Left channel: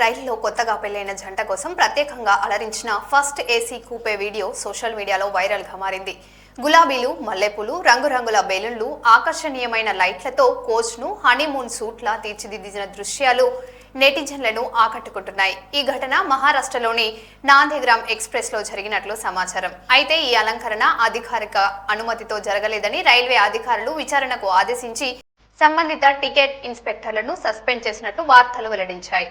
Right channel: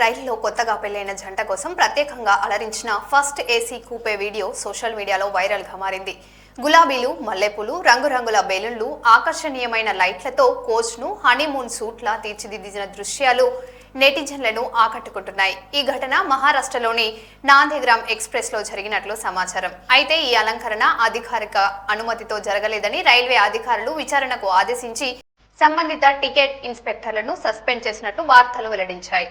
రైలులో కొత్తగా పెళ్లైన జంట కోసం ప్రత్యేకంగా అలరించిన ఫస్ట్ ఏసీ కూపే వీడియో సోషల్ మీడియాలో వైరల్ గా మారింది. గులాబీలు, మల్లెపూలు, రంగురంగుల బెలూన్లు, ఆకర్షణీయమైన లైట్లతో కోచ్ ను హనీమూన్ సూట్ లా తీర్చిదిద్దిన దృశ్యాలు నెటిజన్లను ఆకట్టుకుంటున్నాయి. ఈ ఘటన మహారాష్ట్రలోని నాందిగ్రామ్ ఎక్స్ప్రెస్ లో జరిగినట్లు సమాచారం. అయితే ఈ అలంకరణ అధికారిక అనుమతితో జరగలేదని రైల్వే అధికారులు విచారణకు ఆదేశించి సంబంధిత టికెట్ ఇన్స్పెక్టర్లను సస్పెండ్ చేసినట్లు వార్తలు వెల్లడించాయి.